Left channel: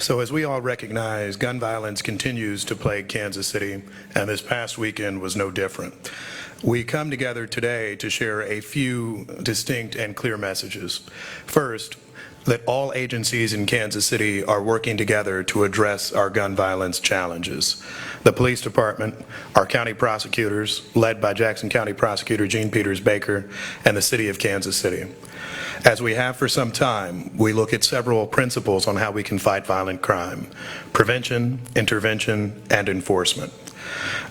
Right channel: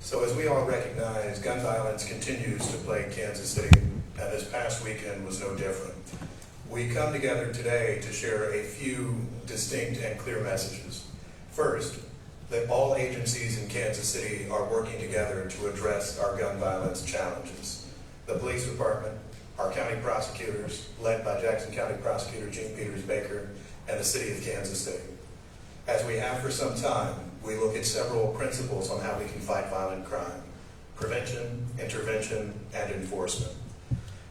So as we all recognize, gun violence continues to plague Kansas City, and this past weekend was no different. We come together today to share a few distinct and clear messages. First, that all agencies in Kansas City are working together to address our gun violence challenges. The police department, our county prosecutors, led by Jackson County Prosecutor Gene Peters Baker, and the city of Kansas City. As we have for some time, we look at several principles on how we can fight violent crime: prevention, intervention, and enforcement.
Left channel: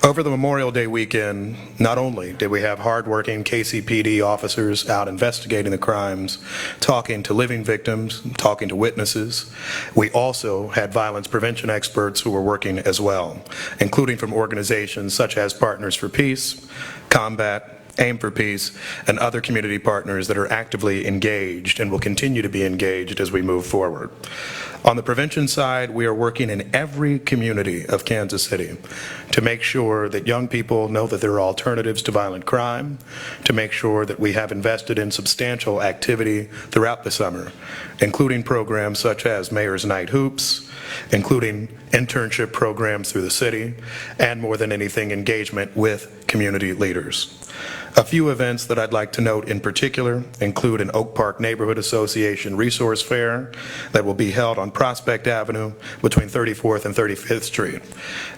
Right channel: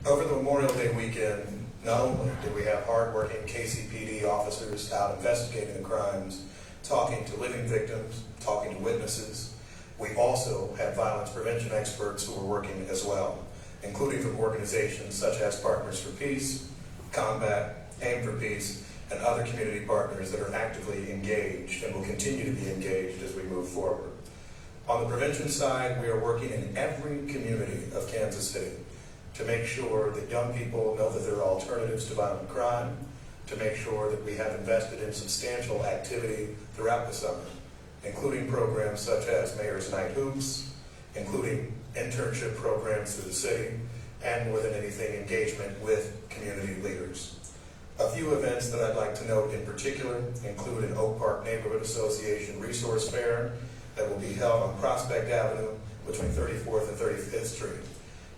Over the Memorial Day weekend, not only did we have hardworking KCPD officers out investigating the crimes, talking to living victims, talking to witnesses, we also had violence prevention experts who were working as well, including from organizations such as Partners for Peace, Combat, Aim for Peace, and other community partners that are actively engaged and will continue to be engaged as we move forward. On the prevention side, we are working in every community of Kansas City to make sure that young people know that there are alternatives to violent crime, to make sure that we have invested in substantial activity throughout the summer, including programs such as Mayor's Night Hoops, including internship programs through the city, and more than anything, engagement with community leaders. A few events that I'd like to note in particular include an Oak Park Neighborhood Association resource fair that will be held on Prospect Avenue between 34th and 35th Street.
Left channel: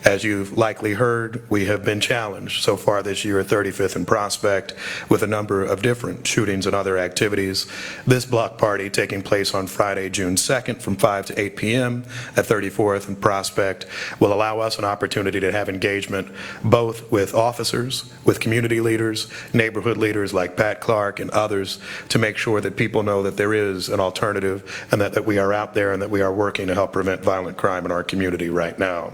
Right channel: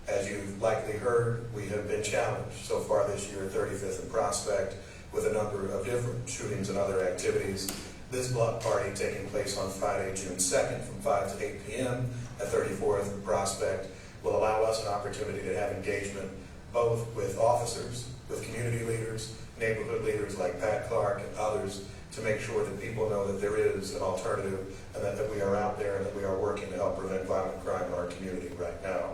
As you've likely heard, we have been challenged so far this year at 35th and Prospect with a number of different shootings and other activities. This block party taking place on Friday, June 2nd from 5 to 8 p.m. at 34th and Prospect will allow us an opportunity to have engagement both with officers, with community leaders, neighborhood leaders like Pat Clark and others, to make sure that people know that there is an alternative and that we are out there and that we are working to help prevent violent crime in our community right now.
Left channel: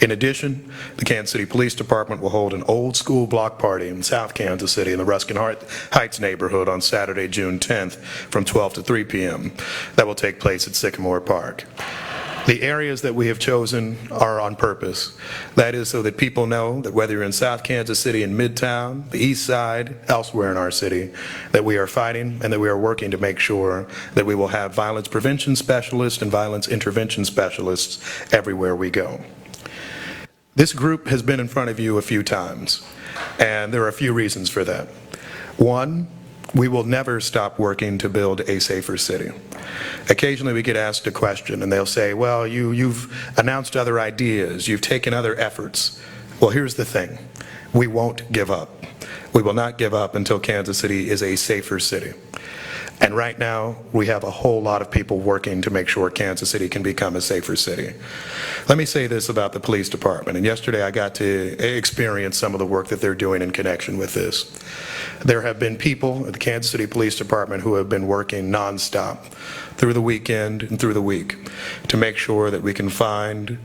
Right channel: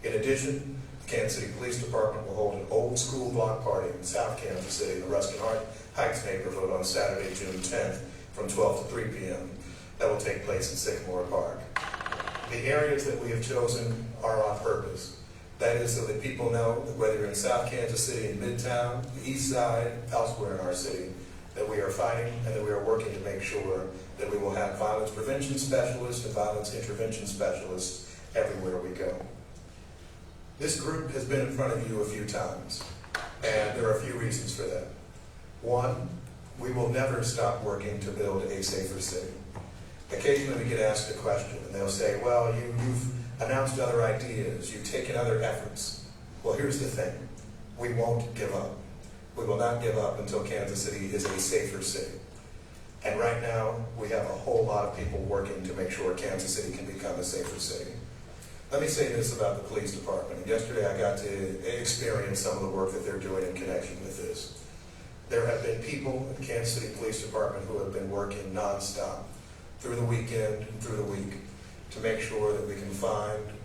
In addition, the Kansas City Police Department will hold an old school block party in South Kansas City in the Ruskin Heights neighborhood on Saturday, June 10th from 12 to 3 p.m. That will take place at Sycamore Park. The areas that we have chosen are on purpose. That is so that people know that whether you're in South Kansas City in Midtown, the East Side, elsewhere in our city, that we are fighting and that we are working to make sure that we will have violence prevention specialists and violence intervention specialists everywhere we go. This group has been in front of you a few times, and there are a few reasons for that. One, we will never stop working to build a safer city. Occasionally we get asked a question and they'll say, well, you've announced other ideas, you've taken other efforts. Well, here's the thing, we won't give up. We will not give up until Kansas City is a safer city. And right now, we have a whole lot of people working to make sure Kansas City can become a safer city. Let me say this about the police department, and yesterday I got to experience some of the work that they're doing in connection with this. There have been people at the Kansas City Police Department who have been working nonstop through the weekend and through the week to make sure that we can find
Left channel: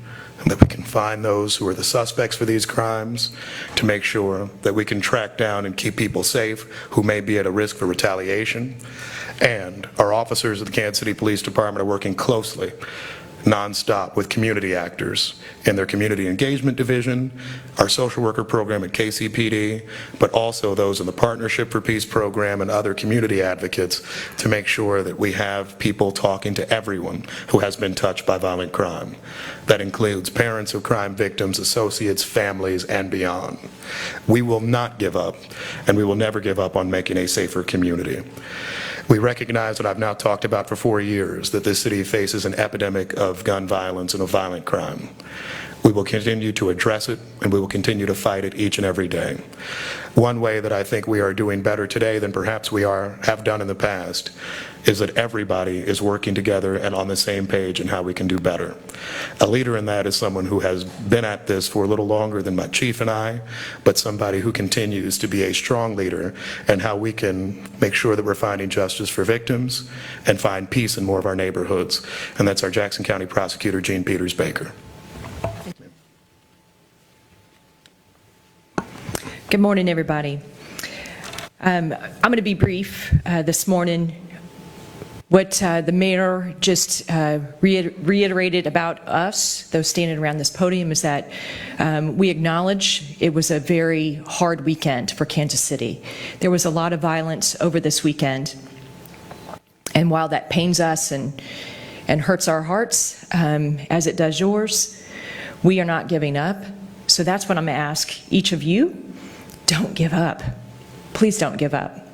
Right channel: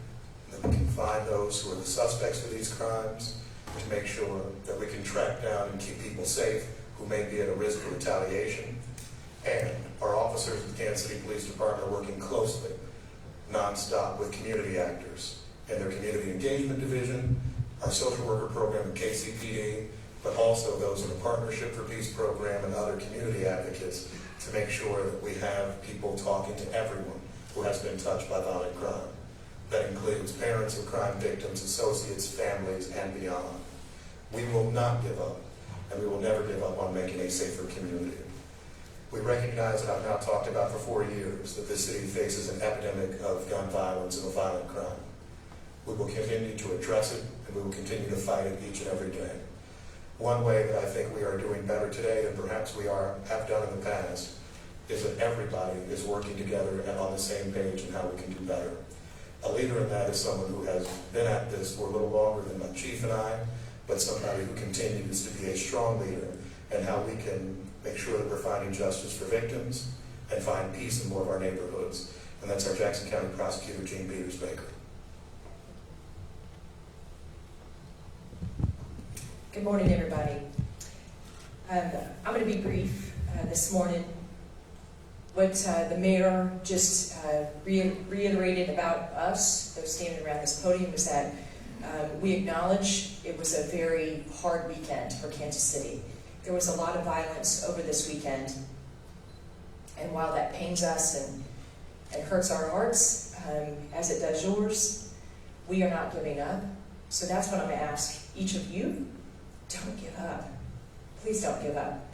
those who are the suspects for these crimes, to make sure that we can track down and keep people safe who may be at a risk for retaliation. And our officers of the Kansas City Police Department are working closely, nonstop, with community actors in their community engagement division, our social worker program at KCPD, but also those in the Partnership for Peace program and other community advocates to make sure that we have people talking to everyone who has been touched by violent crime. That includes parents of crime victims, associates, families, and beyond. We will not give up, and we will never give up on making a safer community. We recognize what I've now talked about for 4 years, that this city faces an epidemic of gun violence and of violent crime. We will continue to address it, and we will continue to fight it each and every day. One way that I think we are doing better today than perhaps we have done in the past is that everybody is working together and on the same page in how we can do better. A leader in that is someone who has been at this for a little longer than my chief and I, but somebody who continues to be a strong leader in how we can make sure that we're finding justice for victims and find peace in more of our neighborhoods. And that's our Jackson County Prosecutor, Gene Peters Baker. Good morning, everybody. I'm going to be brief this morning. What the mayor just reiterated about us, those standing around this podium, is that we acknowledge it was a very hard weekend for Kansas City. There was a lot of violence over this weekend, and while that pains us and and hurts our hearts, as it does yours. We are not giving up. So that's what I'm going to ask each of you. Don't give up. Please don't give up.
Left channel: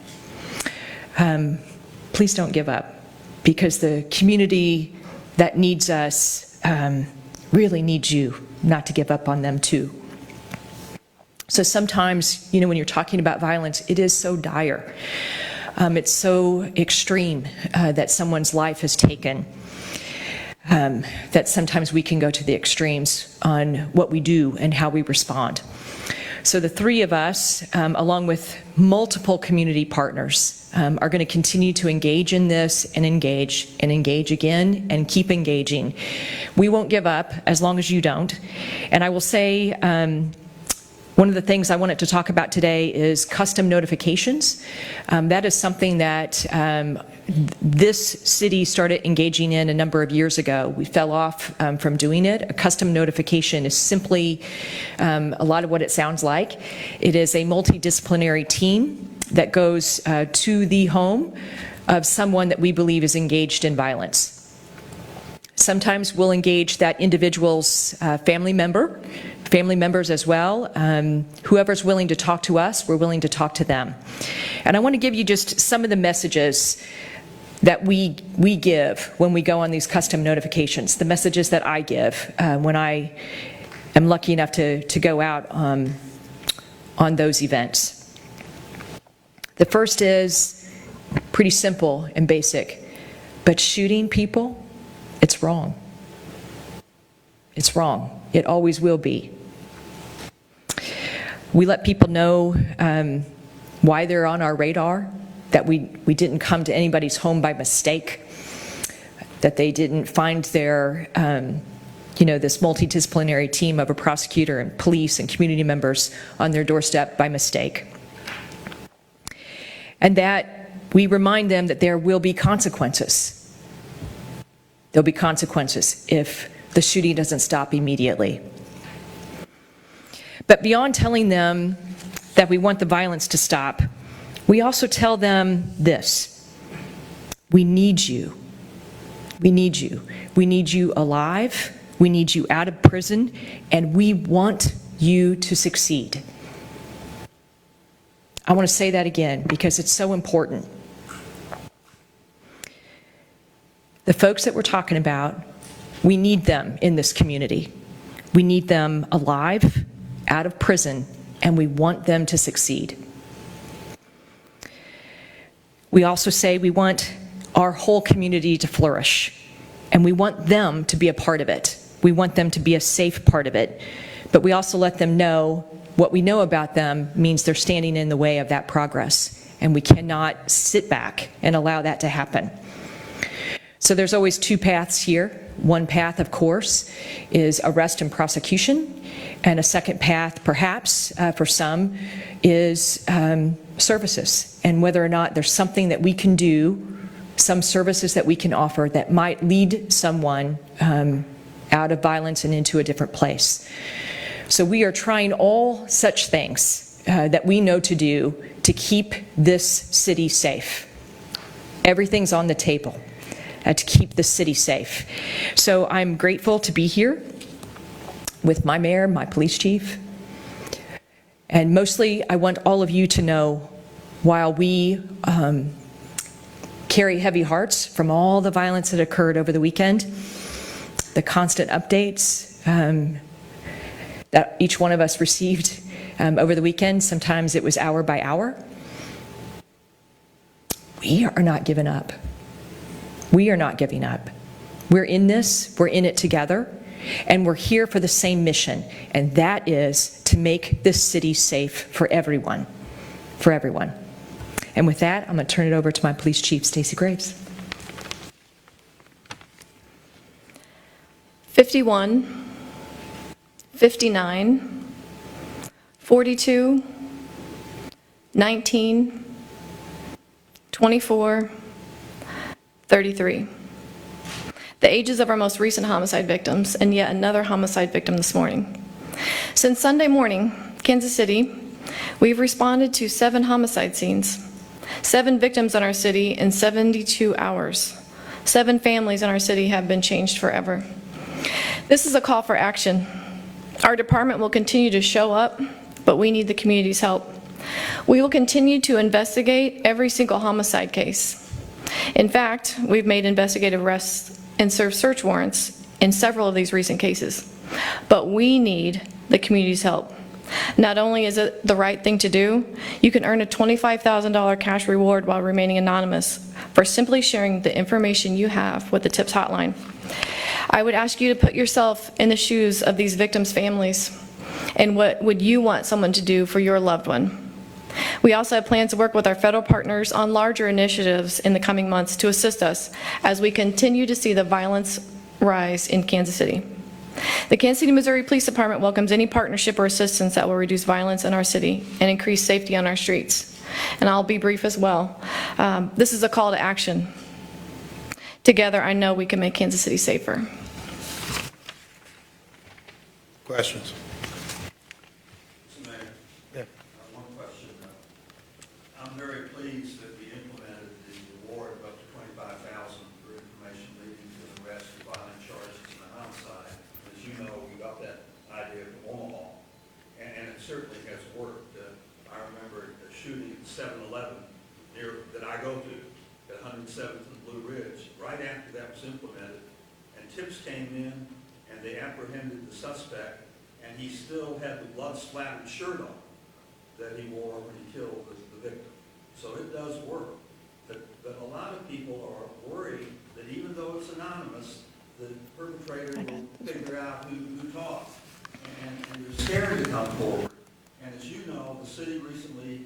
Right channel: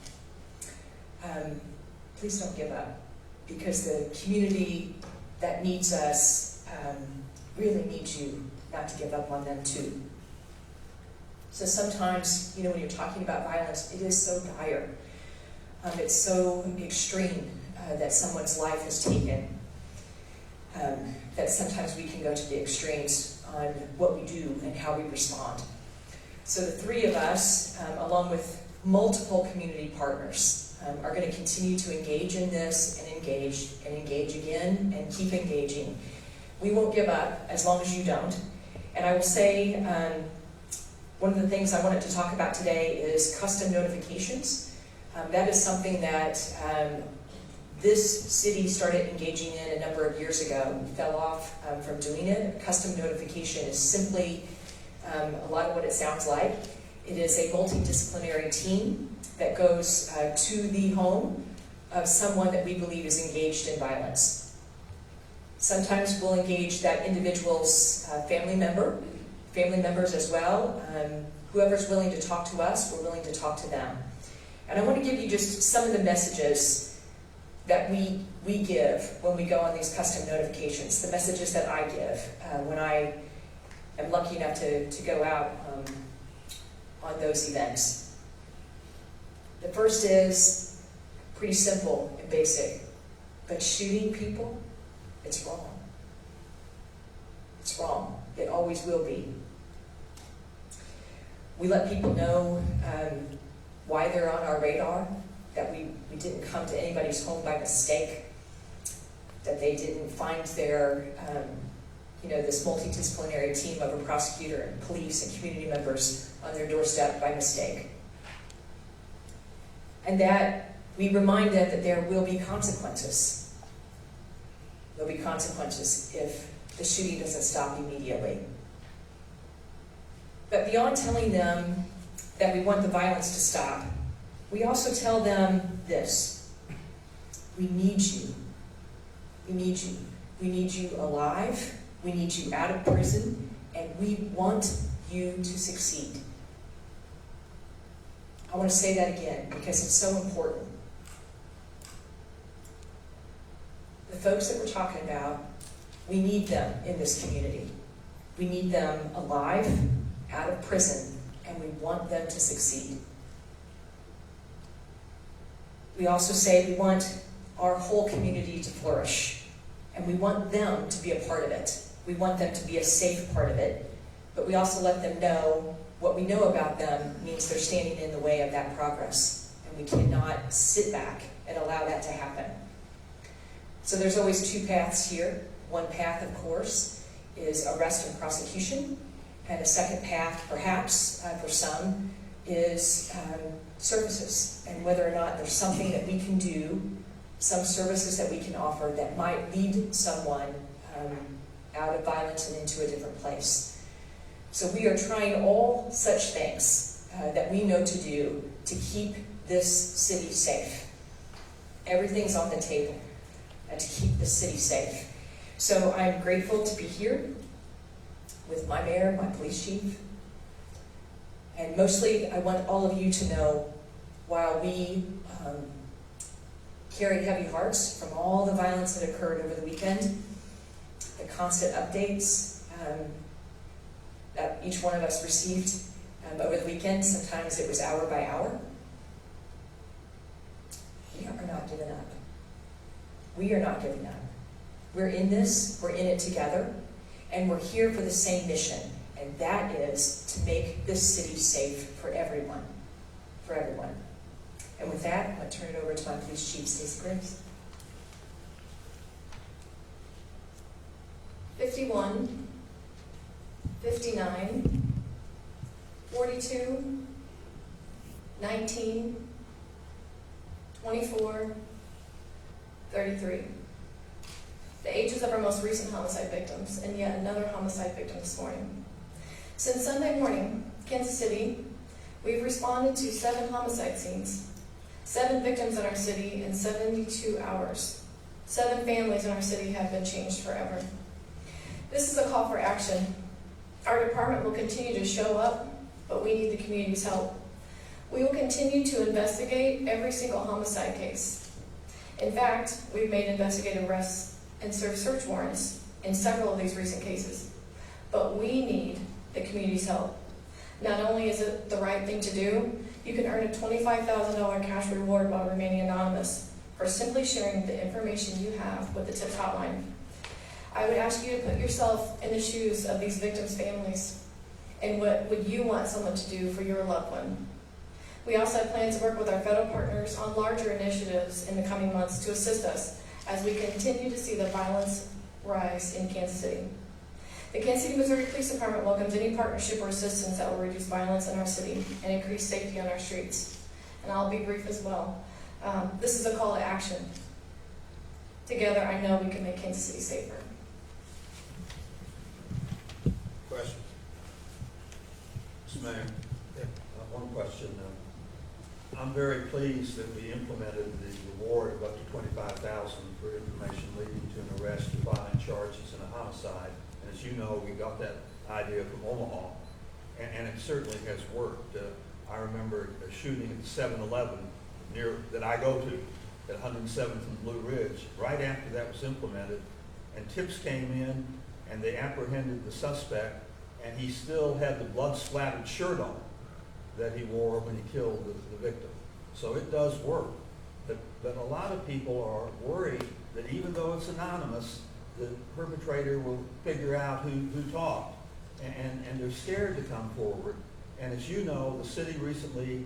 Please don't give up, because the community that needs us really needs you not to give up on them too. So sometimes, when you're talking about violence, it is so dire. It's so extreme that someone's life has taken, that sometimes we can go to the extremes on what we do and how we respond. So the three of us, along with multiple community partners, are going to continue to engage in this and engage again and keep engaging. We won't give up as long as you don't. And I will say, one of the things I wanted to talk about today is custom notifications. That is something that this city started engaging in a number of years ago. We fell off from doing it. A custom notification is simply a lot of what it sounds like. It is a multidisciplinary team that goes to the home of someone that we believe is engaged in violence. Sometimes we'll engage that individual's family members as well. Whoever's willing to talk to us, we're willing to talk to them. And I want to give you just some of the messages that we give when we go on these custom notifications, the messages that I give when I am lucky enough to go out on those events. The first is pretty simple and basic, but shooting people, it's wrong. It's wrong. It always will be. We let people know why they're on our radar, that we didn't come to anybody's home by mistake, that they didn't find their, this multidisciplinary team of a prosecutor and police and community members on their doorstep by mistake. And that we remind them that there will be consequences. There'll be consequences if the shooting doesn't stop immediately. But beyond telling them that we want the violence to stop, we also tell them this: we need you. We need you. We need you alive. We need you out of prison, and we want you to succeed. I want to say that again because it's so important. The folks that we're talking about, we need them in this community. We need them alive, out of prison, and we want them to succeed. We also say we want our whole community to flourish, and we want them to be a part of it. We want them to be a safe part of it, but we also let them know what we know about them means they're standing in the way of that progress, and we cannot sit back and allow that to happen. So there's always two paths here. One path, of course, is arrest and prosecution, and a second path, perhaps, for some, is services, and whether or not there's something that we can do, some services that we can offer that might lead someone out of violence and into a different place. So we are trying all such things that we know to do to keep this city safe. Everything's on the table to keep the city safe. So I'm grateful to be here with my mayor, my police chief, and mostly I want all of you to know, while we carry heavy hearts from all the violence that occurred over the weekend, the constant updates that each one of us received over the weekend, sometimes it was hour by hour, we are not giving up. We are not giving up. We're in this, we're in it together, and we're here for the same mission, and that is to make this city safe for everyone, for everyone. And with that, I'm going to turn it over to my police chief, Stacey Graves. 51, 59, 42, 19, 24, 33. The ages of our most recent homicide victims, and yet another homicide victim this morning. Since Sunday morning, Kansas City, we've responded to 7 homicide scenes, 7 victims in our city in 72 hours. 7 families in our city have been changed forever. This is a call for action. Our department will continue to show up, but we need the community's help. We will continue to investigate every single homicide case. In fact, we've made investigative arrests and served search warrants in several of these recent cases. But we need the community's help. Not only is it the right thing to do, you can earn a $25,000 cash reward while remaining anonymous for simply sharing the information you have with the TIPS hotline. I would ask you to put yourself in the shoes of these victims' families, and what would you want someone to do for your loved one? We also have plans to work with our federal partners on larger initiatives in the coming months to assist us as we continue to see the violence rise in Kansas City. The Kansas City, Missouri Police Department welcomes any partnership or assistance that will reduce violence in our city and increase safety on our streets. And I'll be brief as well. This is a call to action. Together, I know we can make Kansas City safer. Questions? Mr. Mayor, one question. I'm very pleased that we implemented the reward of up to $25,000 for information leading to an arrest, violent charges, and a homicide. As you know, we got that idea from Omaha, and it certainly has worked. I remember a shooting at 7-Eleven that I go to at 107th and Blue Ridge. Right after that was implemented, and TIPS came in and they apprehended the suspect, and he still had the blood-splattered shirt on that he wore when he killed the victim. So it does work. But a lot of people are worried that even though it's anonymous, the perpetrator will figure out who talked, and they're scared to come forward. And as you know, the city recently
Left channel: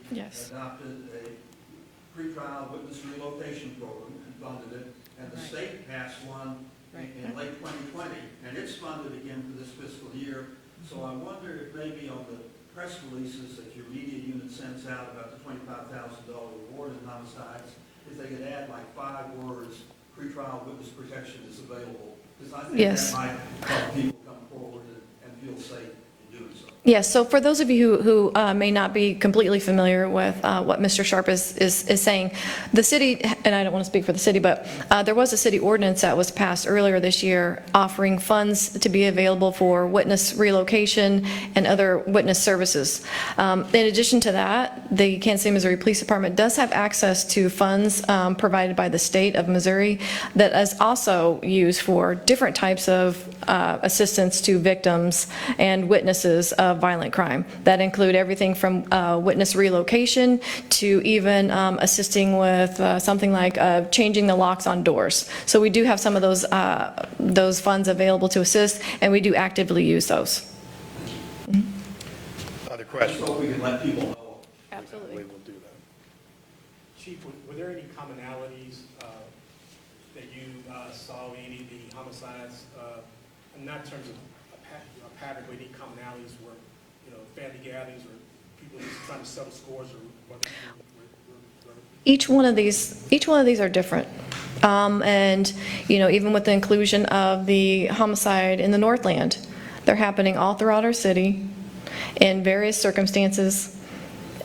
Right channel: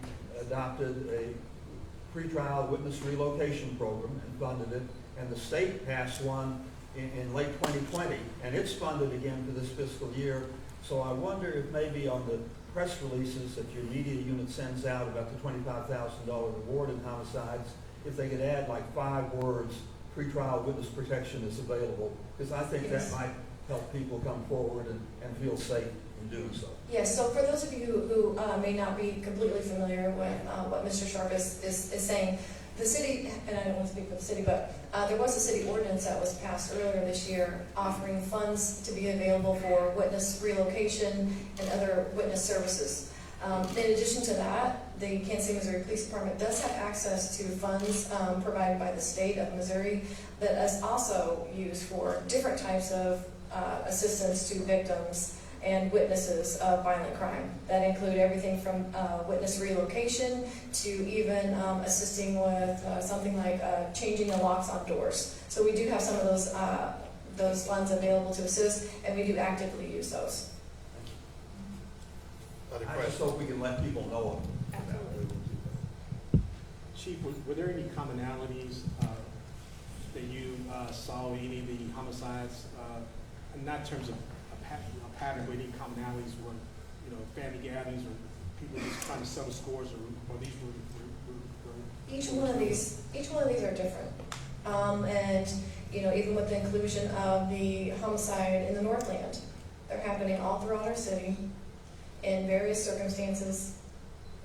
adopted a pretrial witness relocation program and funded it, and the state passed one in late 2020, and it's funded again for this fiscal year. So I wonder if maybe on the press releases that your media unit sends out about the $25,000 reward in homicides, if they could add like 5 words, pretrial witness protection is available, because I think that might help people come forward and feel safe in doing so. Yes, so for those of you who may not be completely familiar with what Mr. Sharp is saying, the city, and I don't want to speak for the city, but there was a city ordinance that was passed earlier this year offering funds to be available for witness relocation and other witness services. In addition to that, the Kansas City, Missouri Police Department does have access to funds provided by the state of Missouri that is also used for different types of assistance to victims and witnesses of violent crime that include everything from witness relocation to even assisting with something like changing the locks on doors. So we do have some of those funds available to assist, and we do actively use those. Other I just questions? hope we can let people know. Absolutely. We will do that. Chief, were there any commonalities that you saw in any of the homicides, not in terms of a pattern, but any commonalities were, family gatherings or people just trying to settle scores or Each one of these are different. And, even with the inclusion of the homicide in the Northland, they're happening all throughout our city in various circumstances.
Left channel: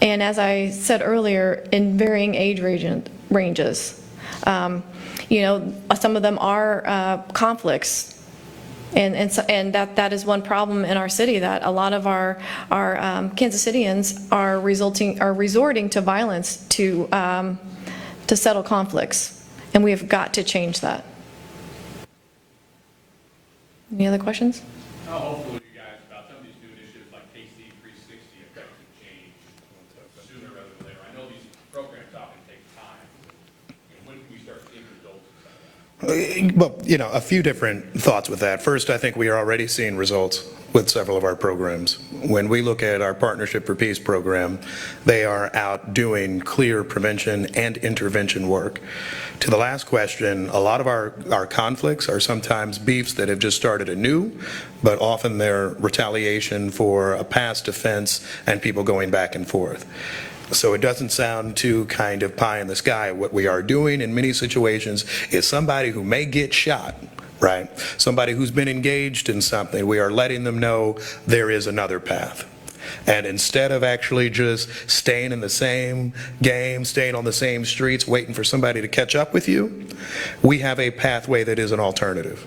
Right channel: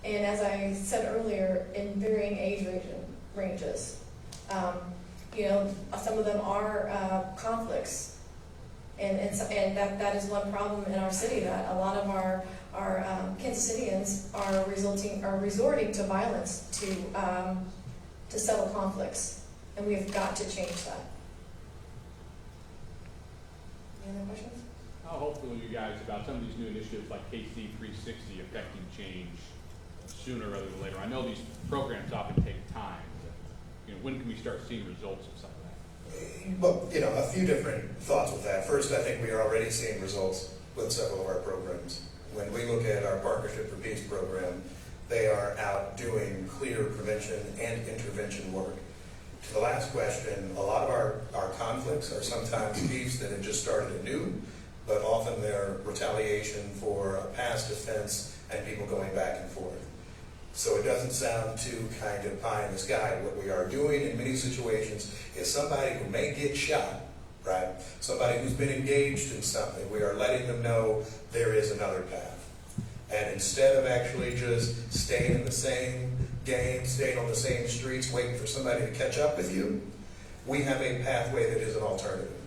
And as I said earlier, in varying age ranges. Some of them are conflicts. And that is one problem in our city, that a lot of our Kansas Cityans are resorting to violence to settle conflicts, and we have got to change that. Any other questions? How hopeful are you guys about some of these new initiatives like KC 360 affecting change sooner rather than later? I know these programs often take time. When can we start seeing results of something like that? Well, a few different thoughts with that. First, I think we are already seeing results with several of our programs. When we look at our Partnership for Peace program, they are out doing clear prevention and intervention work. To the last question, a lot of our conflicts are sometimes beefs that have just started anew, but often they're retaliation for a past offense and people going back and forth. So it doesn't sound too kind of pie in the sky. What we are doing in many situations is somebody who may get shot, right? Somebody who's been engaged in something, we are letting them know there is another path. And instead of actually just staying in the same game, staying on the same streets, waiting for somebody to catch up with you, we have a pathway that is an alternative.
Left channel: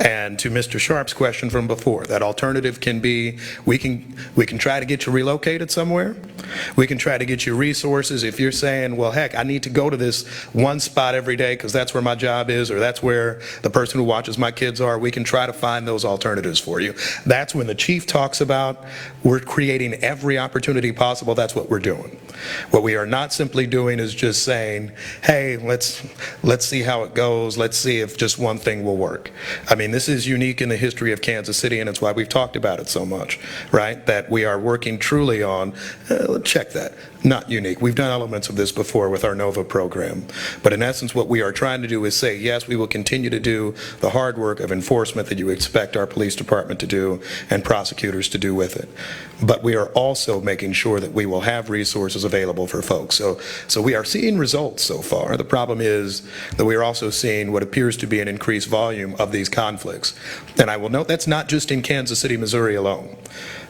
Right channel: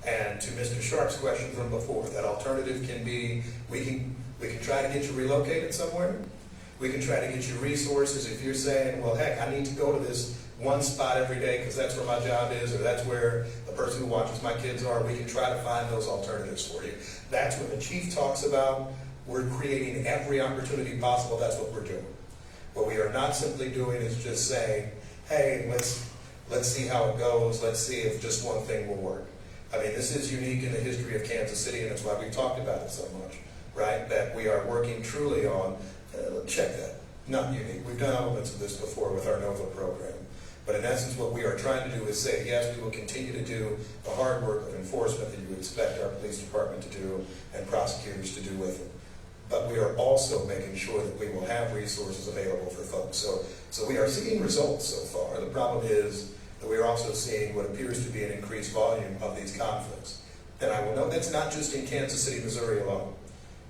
And to Mr. Sharp's question from before, that alternative can be, we can try to get you relocated somewhere. We can try to get you resources. If you're saying, well, heck, I need to go to this one spot every day because that's where my job is, or that's where the person who watches my kids are, we can try to find those alternatives for you. That's when the chief talks about we're creating every opportunity possible. That's what we're doing. What we are not simply doing is just saying, hey, let's see how it goes. Let's see if just one thing will work. I mean, this is unique in the history of Kansas City, and it's why we've talked about it so much, right? That we are working truly on, check that, not unique. We've done elements of this before with our NOVA program. But in essence, what we are trying to do is say, yes, we will continue to do the hard work of enforcement that you expect our police department to do and prosecutors to do with it. But we are also making sure that we will have resources available for folks. So we are seeing results so far. The problem is that we are also seeing what appears to be an increased volume of these conflicts. And I will note that's not just in Kansas City, Missouri alone.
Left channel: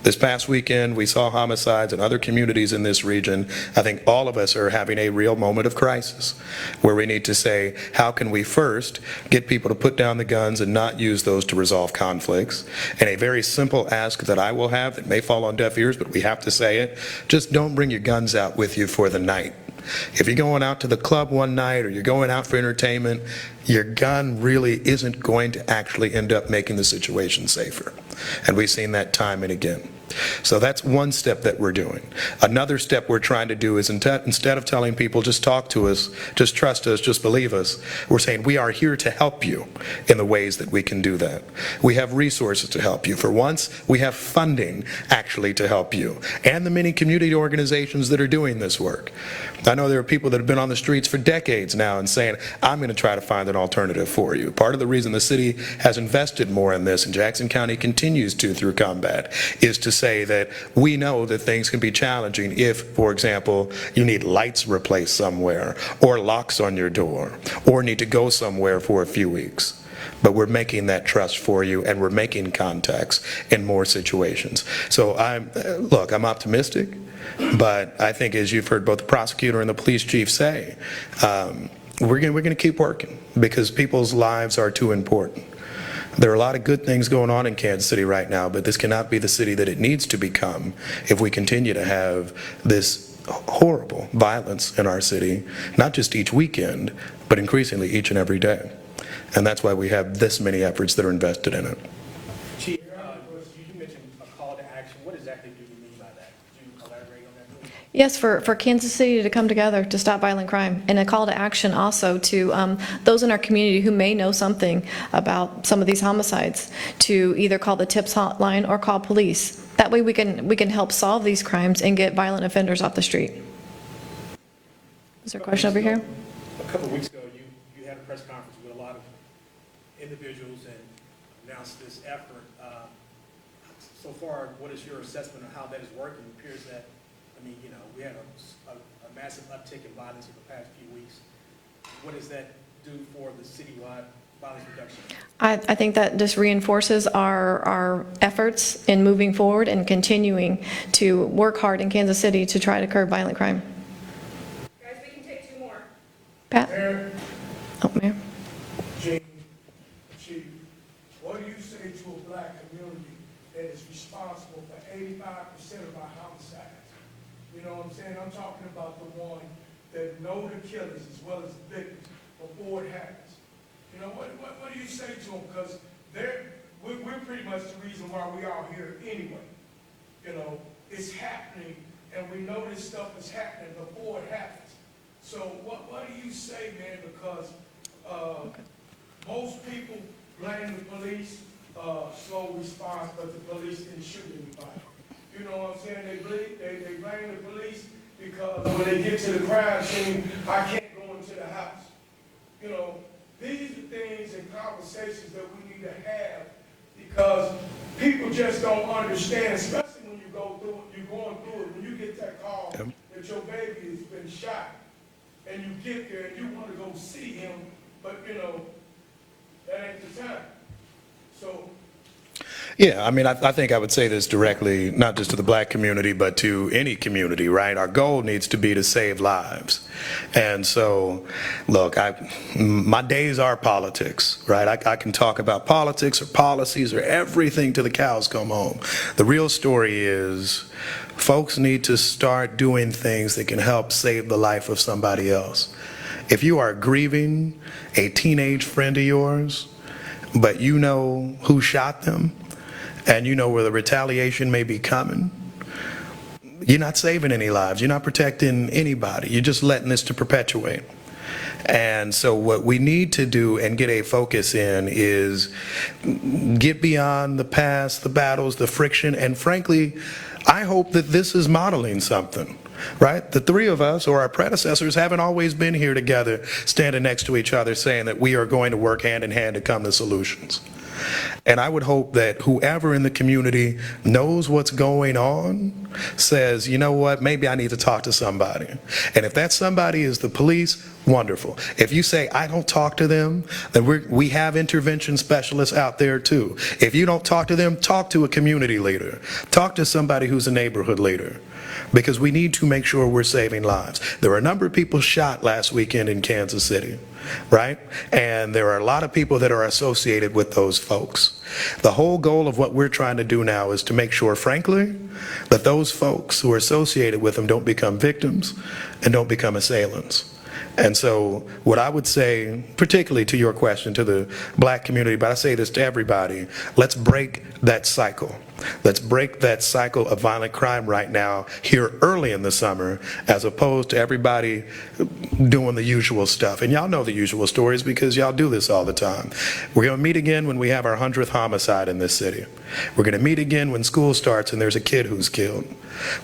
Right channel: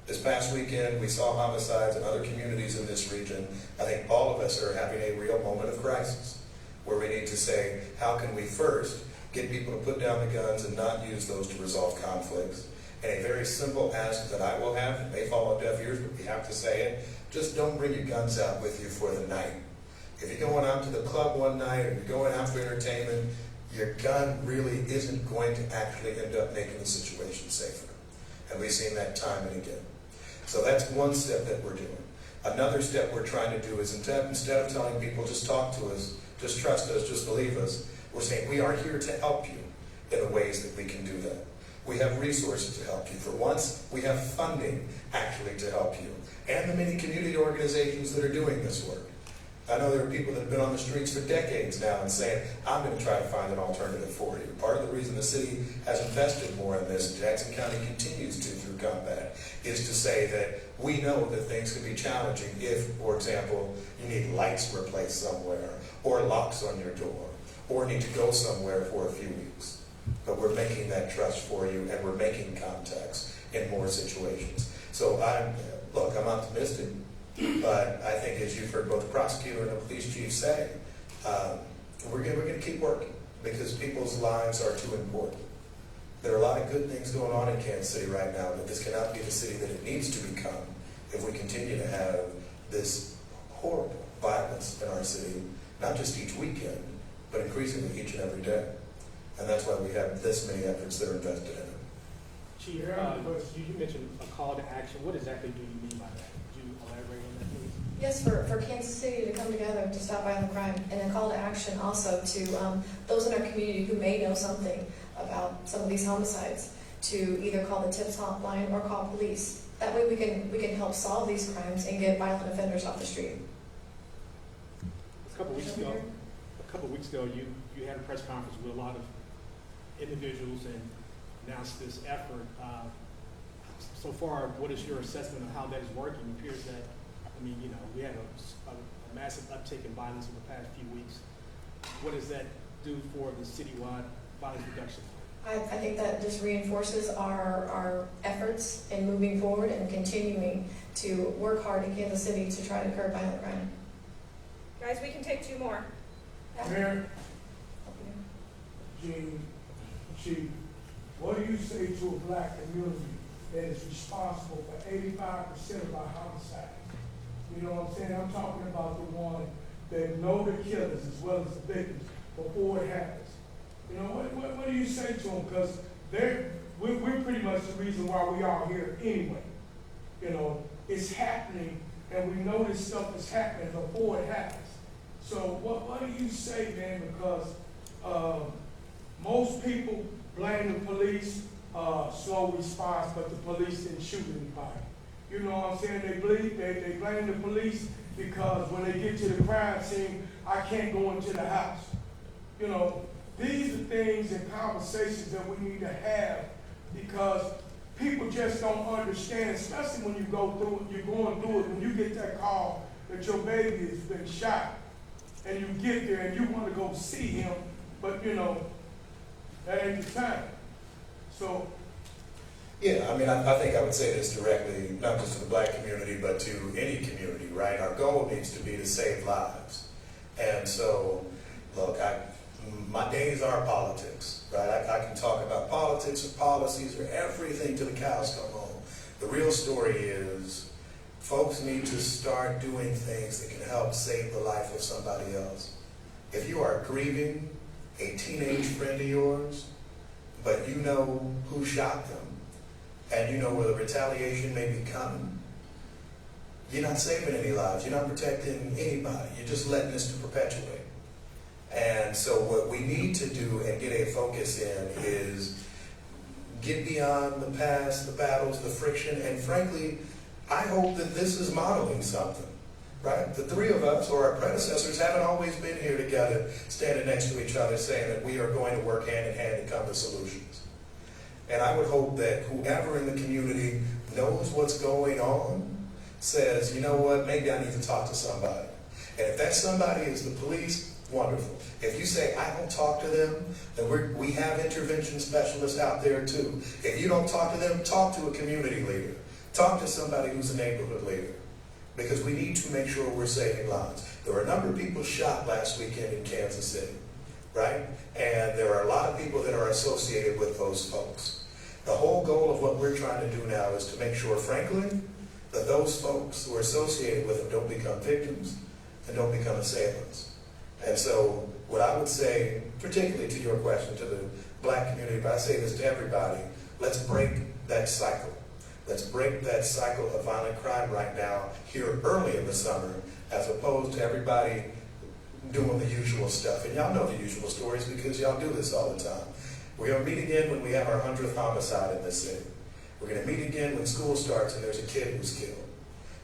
This past weekend, we saw homicides in other communities in this region. I think all of us are having a real moment of crisis where we need to say, how can we first get people to put down the guns and not use those to resolve conflicts? And a very simple ask that I will have that may fall on deaf ears, but we have to say it, just don't bring your guns out with you for the night. If you're going out to the club one night or you're going out for entertainment, your gun really isn't going to actually end up making the situation safer. And we've seen that time and again. So that's one step that we're doing. Another step we're trying to do is instead of telling people, just talk to us, just trust us, just believe us, we're saying we are here to help you in the ways that we can do that. We have resources to help you. For once, we have funding actually to help you, and the many community organizations that are doing this work. I know there are people that have been on the streets for decades now and saying, I'm going to try to find an alternative for you. Part of the reason the city has invested more in this, and Jackson County continues to through combat, is to say that we know that things can be challenging if, for example, you need lights replaced somewhere, or locks on your door, or need to go somewhere for a few weeks. But we're making that trust for you, and we're making contacts in more situations. So I'm optimistic. But I think, as you've heard both the prosecutor and the police chief say, we're going to keep working because people's lives are too important. There are a lot of good things going on in Kansas City right now, but this cannot be the city that it needs to become if we continue to have this horrible violence in our city, not just each weekend, but increasingly each and every day. And that's why we have this many efforts that are invested in it. Chief, you mentioned a call to action. What exactly do you mean by that? Could you elaborate on that, please? Yes, for Kansas City to come together to stop violent crime, and a call to action also to those in our community who may know something about some of these homicides, to either call the TIPS hotline or call police. That way we can help solve these crimes and get violent offenders off the street. Is there a question over here? A couple of weeks ago, you had a press conference with a lot of individuals and announced this effort. So far, what is your assessment of how that is working? It appears that, we had a massive uptick in violence in the past few weeks. What does that do for the citywide violence reduction? I think that just reinforces our efforts in moving forward and continuing to work hard in Kansas City to try to curb violent crime. Guys, we can take two more. Pat? Mayor, Oh, Mayor. Chief, what do you say to a black community that is responsible for 85% of our homicides? You know what I'm saying? I'm talking about the one that know the killers as well as the victims before it happens. You know, what do you say to them? Because we're pretty much the reason why we are here anyway. You know, it's happening, and we know this stuff is happening before it happens. So what do you say, man? Because most people blame the police, slow response, but the police didn't shoot anybody. You know what I'm saying? They blame the police because when they get to the crime scene, I can't go into the house. You know, these are things and conversations that we need to have because people just don't understand, especially when you go through it, you're going through it, when you get that call that your baby has been shot, and you get there and you want to go see him, but that ain't the time. So Yeah, I mean, I think I would say this directly, not just to the black community, but to any community, right? Our goal needs to be to save lives. And so, look, my days are politics, right? I can talk about politics or policies or everything till the cows come home. The real story is folks need to start doing things that can help save the life of somebody else. If you are grieving a teenage friend of yours, but you know who shot them, and you know where the retaliation may be coming, you're not saving any lives. You're not protecting anybody. You're just letting this to perpetuate. And so what we need to do and get a focus in is get beyond the past, the battles, the friction, and frankly, I hope that this is modeling something, right? The three of us, or our predecessors, haven't always been here together, standing next to each other, saying that we are going to work hand in hand to come to solutions. And I would hope that whoever in the community knows what's going on says, you know what, maybe I need to talk to somebody. And if that somebody is the police, wonderful. If you say, I don't talk to them, then we have intervention specialists out there too. If you don't talk to them, talk to a community leader. Talk to somebody who's a neighborhood leader. Because we need to make sure we're saving lives. There were a number of people shot last weekend in Kansas City, right? And there are a lot of people that are associated with those folks. The whole goal of what we're trying to do now is to make sure, frankly, that those folks who are associated with them don't become victims and don't become assailants. And so what I would say, particularly to your question, to the black community, but I say this to everybody, let's break that cycle. Let's break that cycle of violent crime right now, here early in the summer, as opposed to everybody doing the usual stuff. And y'all know the usual stories because y'all do this all the time. We're going to meet again when we have our 100th homicide in this city. We're going to meet again when school starts and there's a kid who's killed.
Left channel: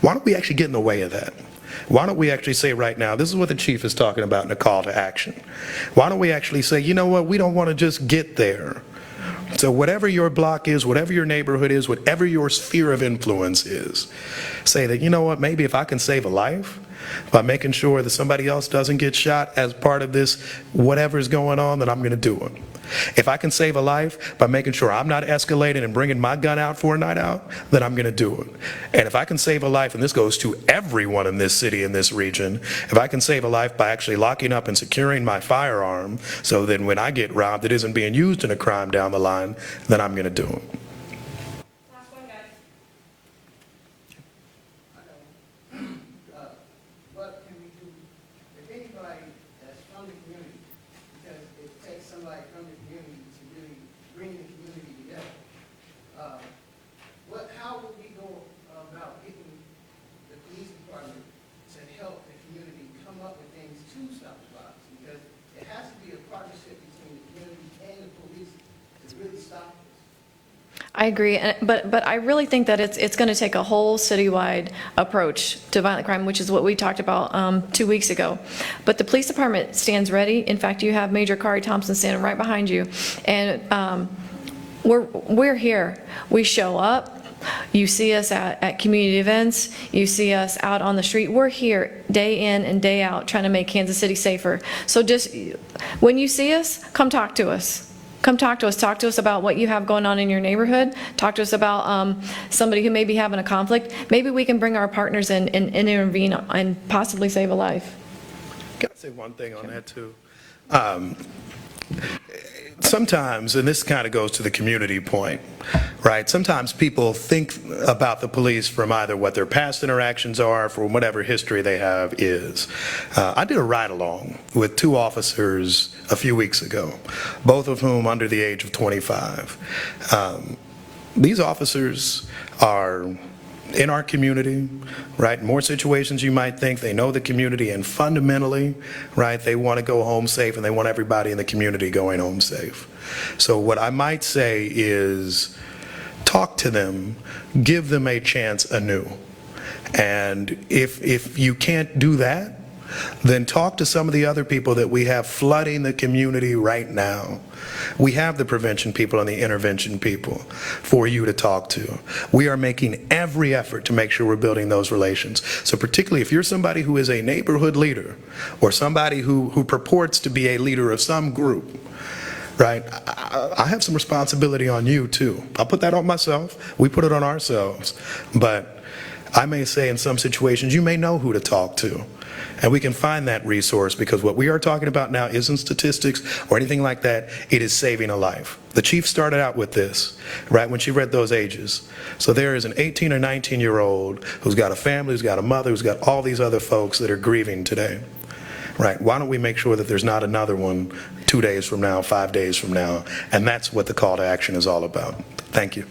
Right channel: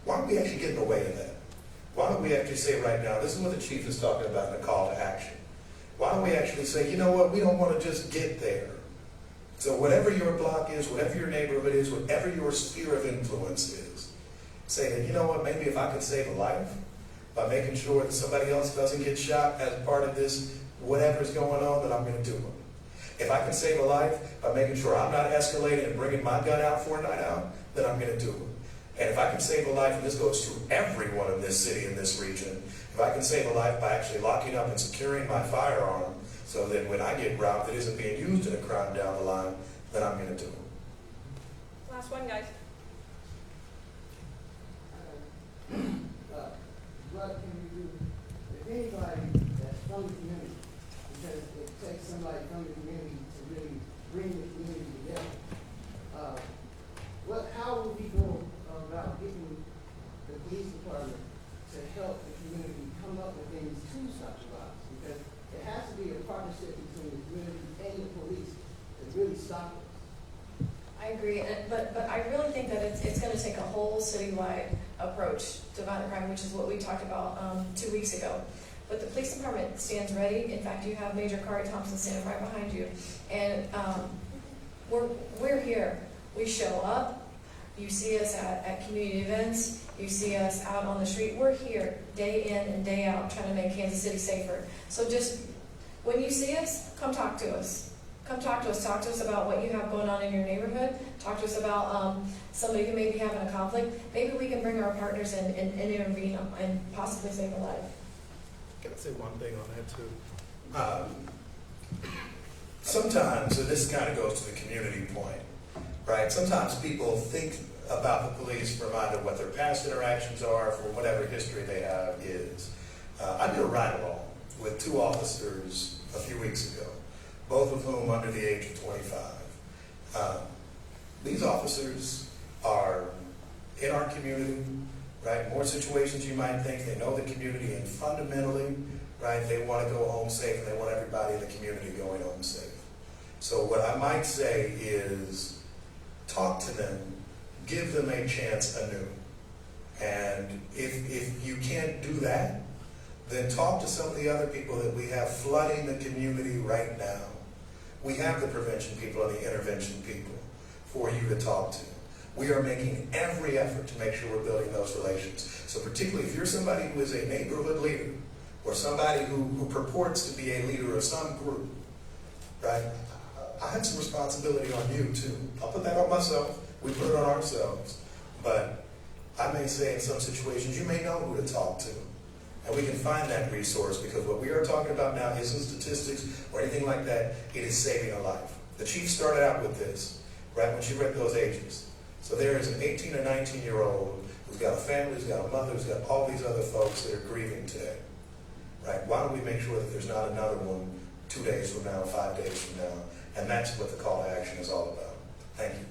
Why don't we actually get in the way of that? Why don't we actually say right now, this is what the chief is talking about in the call to action. Why don't we actually say, you know what, we don't want to just get there. So whatever your block is, whatever your neighborhood is, whatever your sphere of influence is, say that, you know what, maybe if I can save a life by making sure that somebody else doesn't get shot as part of this, whatever's going on, then I'm going to do it. If I can save a life by making sure I'm not escalating and bringing my gun out for a night out, then I'm going to do it. And if I can save a life, and this goes to everyone in this city, in this region, if I can save a life by actually locking up and securing my firearm so that when I get robbed, it isn't being used in a crime down the line, then I'm going to do it. Last one, guys. What can we do? If anybody that's from the community, because it takes somebody from the community to really bring the community together. How will we go about getting the police department to help the community come up with things to stop the violence? Because it has to be a partnership between the community and the police to really stop it. I agree, but I really think that it's going to take a whole citywide approach to violent crime, which is what we talked about 2 weeks ago. But the police department stands ready. In fact, you have Major Kari Thompson standing right behind you, and we're here. We show up. You see us at community events. You see us out on the street. We're here day in and day out trying to make Kansas City safer. So just when you see us, come talk to us. Come talk to us. Talk to us about what you have going on in your neighborhood. Talk to us about somebody who may be having a conflict. Maybe we can bring our partners in and intervene and possibly save a life. Can I say one thing on that too? Sometimes, and this kind of goes to the community point, right? Sometimes people think about the police from either what their past interactions are, from whatever history they have is. I did a ride-along with 2 officers a few weeks ago, both of whom under the age of 25. These officers are in our community, right? More situations you might think. They know the community, and fundamentally, right, they want to go home safe, and they want everybody in the community going home safe. So what I might say is talk to them, give them a chance anew. And if you can't do that, then talk to some of the other people that we have flooding the community right now. We have the prevention people and the intervention people for you to talk to. We are making every effort to make sure we're building those relations. So particularly if you're somebody who is a neighborhood leader or somebody who purports to be a leader of some group, right? I have some responsibility on you too. I'll put that on myself. We put it on ourselves. But I may say in some situations, you may know who to talk to. And we can find that resource, because what we are talking about now isn't statistics or anything like that. It is saving a life. The chief started out with this, right, when she read those ages. So there is an 18 or 19-year-old who's got a family, who's got a mother, who's got all these other folks that are grieving today, right? Why don't we make sure that there's not another one 2 days from now, 5 days from now? And that's what the call to action is all about. Thank you.